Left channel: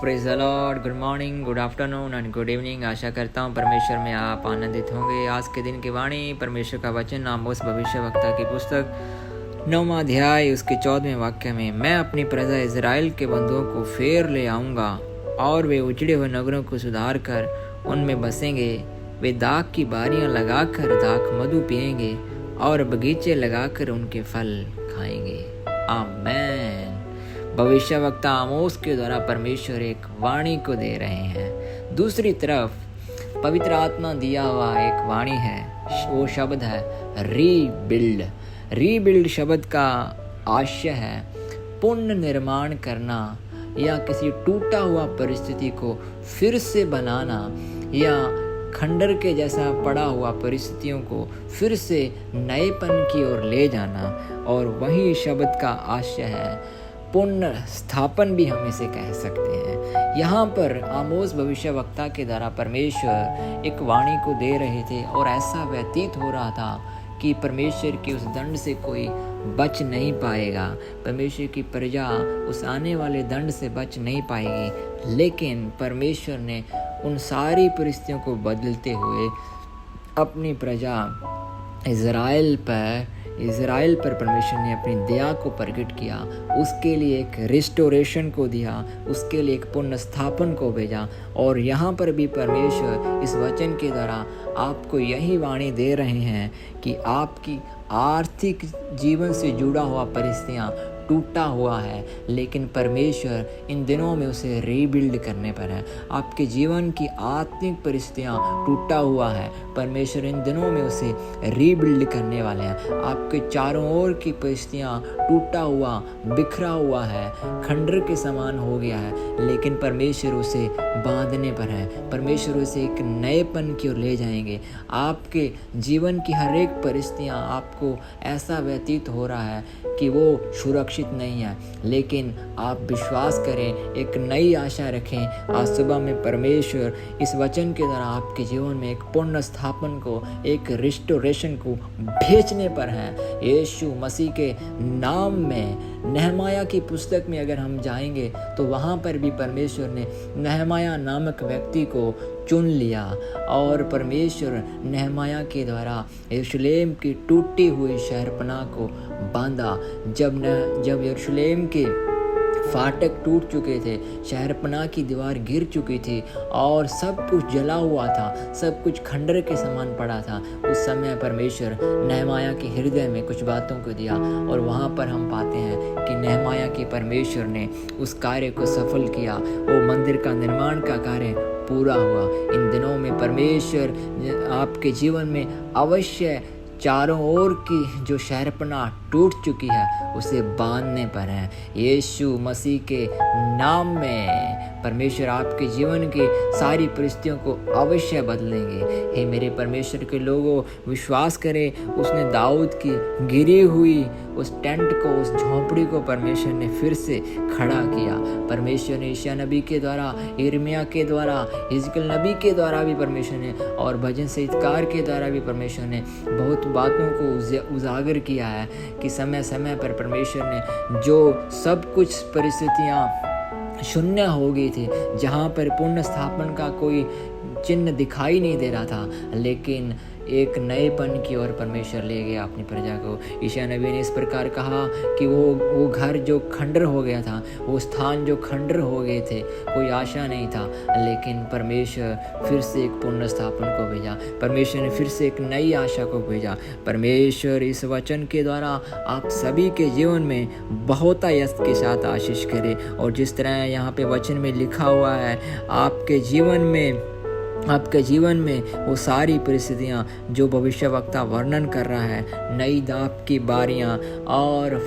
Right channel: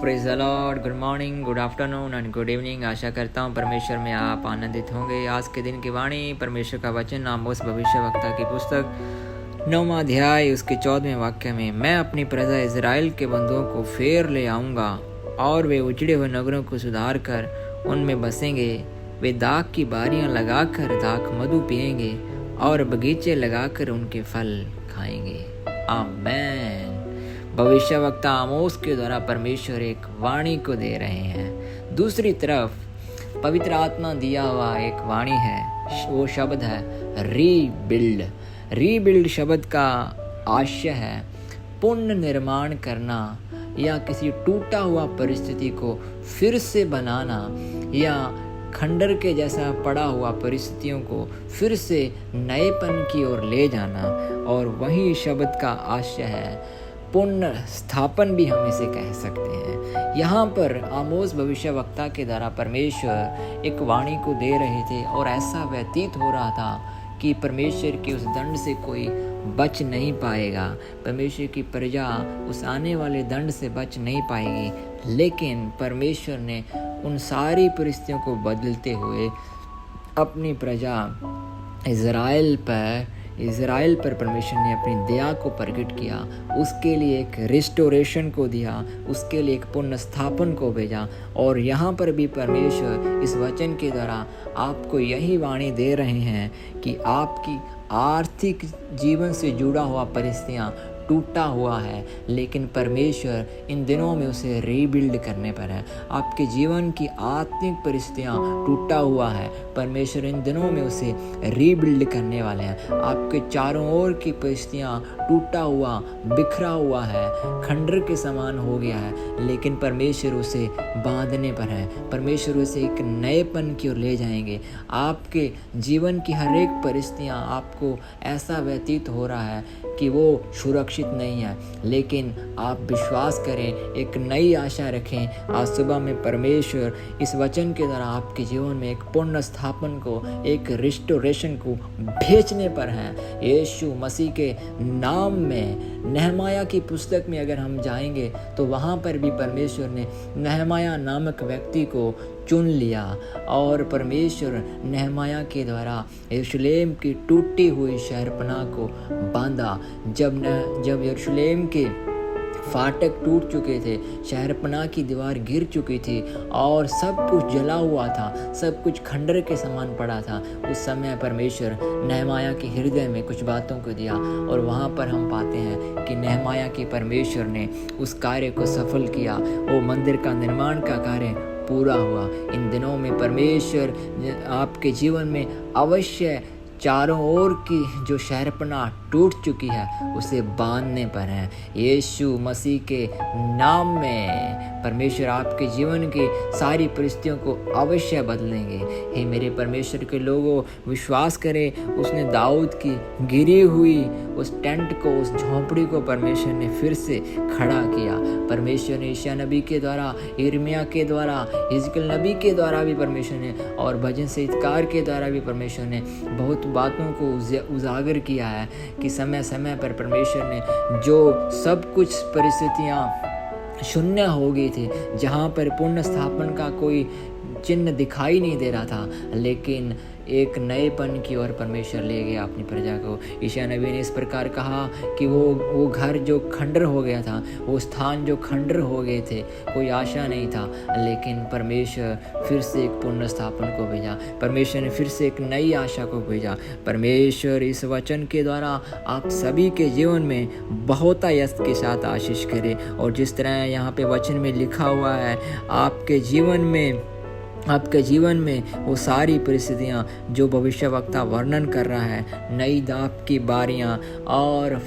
Praise the Lord. Good morning, good afternoon and good evening. आशा करता हूँ परमेश्वर में आप आनंदित होंगे। आज के दिन की वाणी, परमेश्वर का वचन आमोस भविष्यवक्ता की पुस्तक 9वां अध्याय उसके 14वें वाक्य में, मैं अपनी प्रजा इज़राइल के बंधुओं को फेर ले आऊँगा और वे उजड़े हुए नगरों को सुधार कर उनमें बसेंगे। वे दाख की बारियाँ लगाकर दाख मधु पिएंगे और बगीचे लगाकर उनके फल खाएंगे। आमेन। भविष्यवक्ता आमोस के द्वारा परमेश्वर एक वाणी को दे रहे हैं। दूसरी तरफ पवित्र आत्मा दिया हुआ एक वाणी है, वो शब्द है रीबिल्ड। रीबिल्ड शब्द का आशय है पुनर्निर्माण करना या किसी टूटा हुआ परिस्थिति को फिर से बनाना या खंडर के जैसा पड़ा हुआ परिस्थितियों को फिर से नएपन की ओर ले जाना। और वही शब्द का आशय है पुनर्स्थापन भी हम इसे कह सकते हैं। यहाँ पर आमोस भविष्यवक्ता के द्वारा परमेश्वर एक वाणी को दे रहे थे और ऐसा व्यतीत हो रहा था कि परमेश्वर के उस दंड से कोई बच नहीं पाएगा, परमेश्वर की प्रजा उस आने वाले दंड से बच नहीं पाएगी। लेकिन परमेश्वर ने उन सारी परिस्थितियों को बदलते हुए अपनी प्रजा इज़राइल पर परमेश्वर ने अपनी दया को प्रकट किया, उसके लिए एक रिस्टोरेशन को दिया, उसके लिए एक पुनर्स्थापन को भेजा। और यहाँ पर भी परमेश्वर इस वचन के द्वारा आपको यही वाणी दे रहे हैं कि आपकी आर्थिक जीवन से जुड़ा हुआ परिस्थितियाँ टूटा हुआ है, लेकिन परमेश्वर इन दिनों में उसे रीबिल्ड करने पर है। आपके जीवन की आत्मिक परिस्थितियाँ टूटा हुआ है, परमेश्वर इन दिनों में उसे रीबिल्ड करने वाले हैं। आपके चारों ओर की परिस्थितियाँ टूटा हुआ, बिखरा हुआ है, खंडर के समान हो गया है, लेकिन परमेश्वर उसे बांधने पर है। परमेश्वर उसे एक नएपन की ओर ले जाएंगे। आपके जीवन की हर एक परिस्थितियाँ आपको ऐसा व्यतीत हो रहा है कि वो सुरक्षित नहीं है, लेकिन आप विश्वास करें, एक नई आशा रखें। आज सुबह में परमेश्वर इस वचन के द्वारा आपके जीवन में एक पूर्ण स्थापन को, एक रिस्टोरेशन को भेजने पर है। यीशु मसीह के नाम में नहमाया की पुस्तक में अगर हम जाएंगे तो वहाँ पर भी परमेश्वर ने नहमाया नामक व्यक्ति को चुन लिया और परमेश्वर नहमाया के द्वारा यरूशलेम की टूटी हुई शहरपनाह को बांधा। जब यरूशलेम के फाटक टूट चुके थे, शहरपनाह की दीवार गिर चुकी थी और सब कुछ जला हुआ था, सब कुछ खंडर के समान पड़ा था, उस समय परमेश्वर नहमाया के हृदय में कुछ बातों को दिया और वहाँ पर हम पाते हैं कि नहमाया के परमेश्वर ने उस कार्य को सफल किया। वो मंदिर का निर्माण का कार्य पूरा हुआ। इन दिनों में परमेश्वर आपके जीवन में अवश्य चारों ओर की जो शहरपनाह टूट चुकी है उसे बांधने पर है। यीशु मसीह के नाम में परमेश्वर आपके जीवन की सारी परिस्थितियों को अवश्य बदलेंगे। हे मेरे परमेश्वर के लोगों, विश्वास करें, उसने दाऊद की गिरी हुई उस टेंट को, उस झोंपड़ी को परमेश्वर ने फिर से खड़ा किया। परमेश्वर ने यशायाह नबी के द्वारा, यिर्मयाह के द्वारा, हिजकिय्याह नबी के द्वारा भी परमेश्वर ने और भजन संगीतकार के द्वारा भी परमेश्वर ने बहुत बातों को उजागर किया है कि समय समय पर परमेश्वर ने जो सब कुछ परिस्थितियाँ शून्य हो गई थी, जहाँ पर पुनः स्थापन का कोई चिन्ह दिखाई नहीं दे रहा था, लेकिन एक नएपन की ओर परमेश्वर ले गया अपनी प्रजा को। यशायाह नबी ने इस प्रकार कहा कि वो घर जो खंडर हो गया था, वो स्थान जो खंडर हो गए थे, कोई आशा नहीं था, लेकिन परमेश्वर फिर से एक पुनः स्थापन को भेजा। परमेश्वर ने फिर से एक नई आशा को भेजा। परमेश्वर इस वचन के द्वारा आप सभी के जीवन में बहुत यश के साथ आशीष करे। और जिस तरह यहाँ पे वचन में लिखा हुआ है, आपके जीवन में वो सारी परिस्थितियाँ जो भविष्यवक्ता वर्णन कर रहा है, नई दाख की बारियाँ और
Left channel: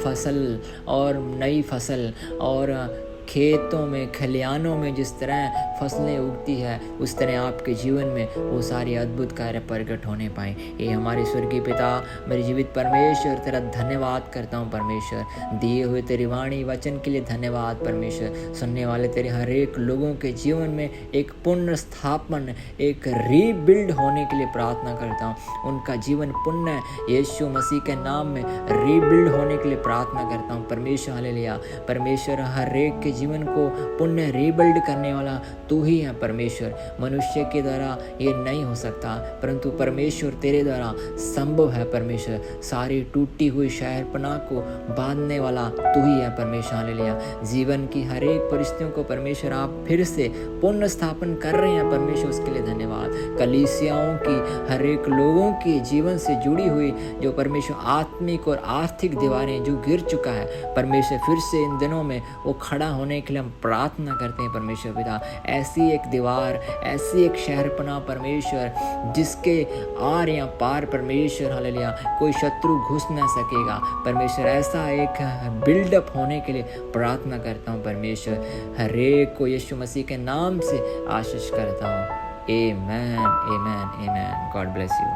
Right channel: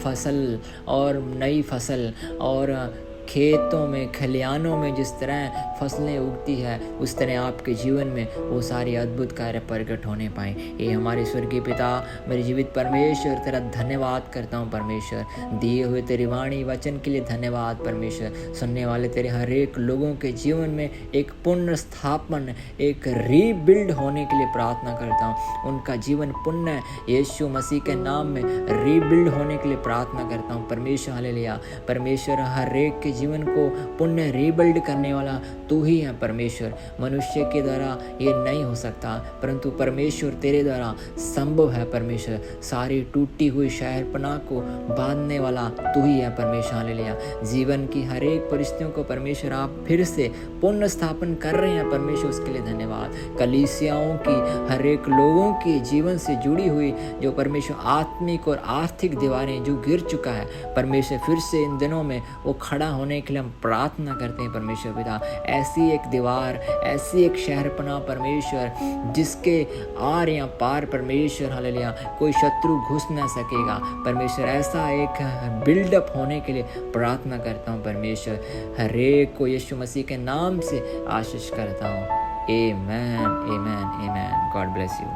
नई फसल और खेतों में, खलिहानों में जिस तरह फसलें उगती है, उस तरह आपके जीवन में वो सारे अद्भुत कार्य प्रकट होने पाएँ। ये हमारे स्वर्गीय पिता, मेरे जीवित परमेश्वर, तेरा धन्यवाद करता हूँ परमेश्वर, दिए हुए तेरी वाणी वचन के लिए धन्यवाद परमेश्वर। सुनने वाले तेरे हर एक लोगों के जीवन में एक पुनः स्थापन, एक रीबिल्ड होने के लिए प्रार्थना करता हूँ। उनका जीवन पुण्य यीशु मसीह के नाम में रीबिल्ड होने के लिए प्रार्थना करता हूँ परमेश्वर। हालेलुया। परमेश्वर हर एक के जीवन को पुण्य रीबिल्ड करने वाला तू ही है परमेश्वर। मनुष्य के द्वारा ये नहीं हो सकता, परंतु परमेश्वर तेरे द्वारा संभव है परमेश्वर। सारी टूटी हुई शहरपनाह को बांधने वाला तू ही है परमेश्वर। हालेलुया। जीवन की हर एक परिस्थितियों को परमेश्वर आप फिर से पुनः स्थापन कर रहे हैं परमेश्वर, उसके लिए धन्यवाद। कलीसियाओं की हर एक लोगों की जीवन से जुड़ी हुई जो परमेश्वर आत्मिक और आर्थिक दीवारें जो गिर चुका है परमेश्वर, फिर से इन दिनों में वो खड़ा होने के लिए हम प्रार्थना करते हैं परमेश्वर पिता। ऐसी एक दीवार, ऐसी एक शहरपनाह परमेश्वर जिसके आर या पार परमेश्वर हालेलुया कोई शत्रु घुस ना सकेगा परमेश्वर, ऐसा एक बिल्डअप होने के लिए प्रार्थना करता हूँ परमेश्वर। हर एक को यीशु मसीह के नाम से आशीष करता हूँ। Amen, amen, amen. God bless you.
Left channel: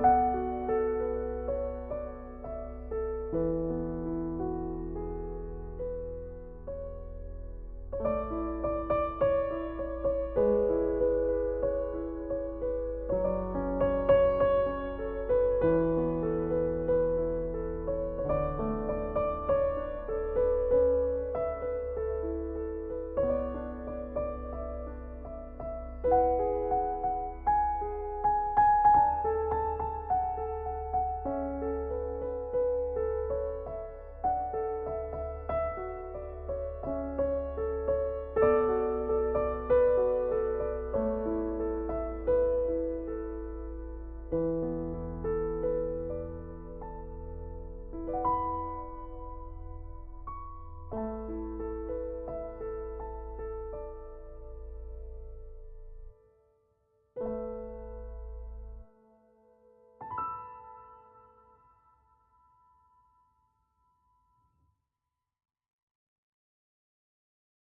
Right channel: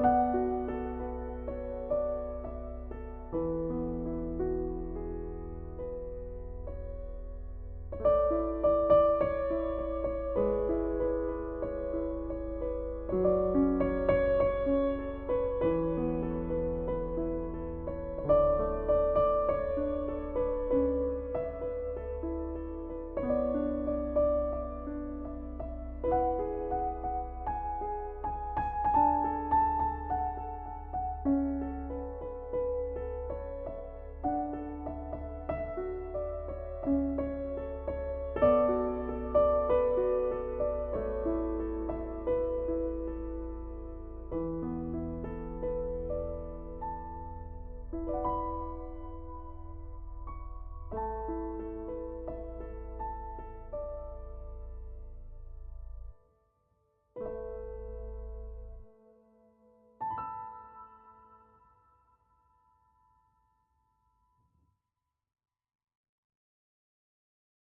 है।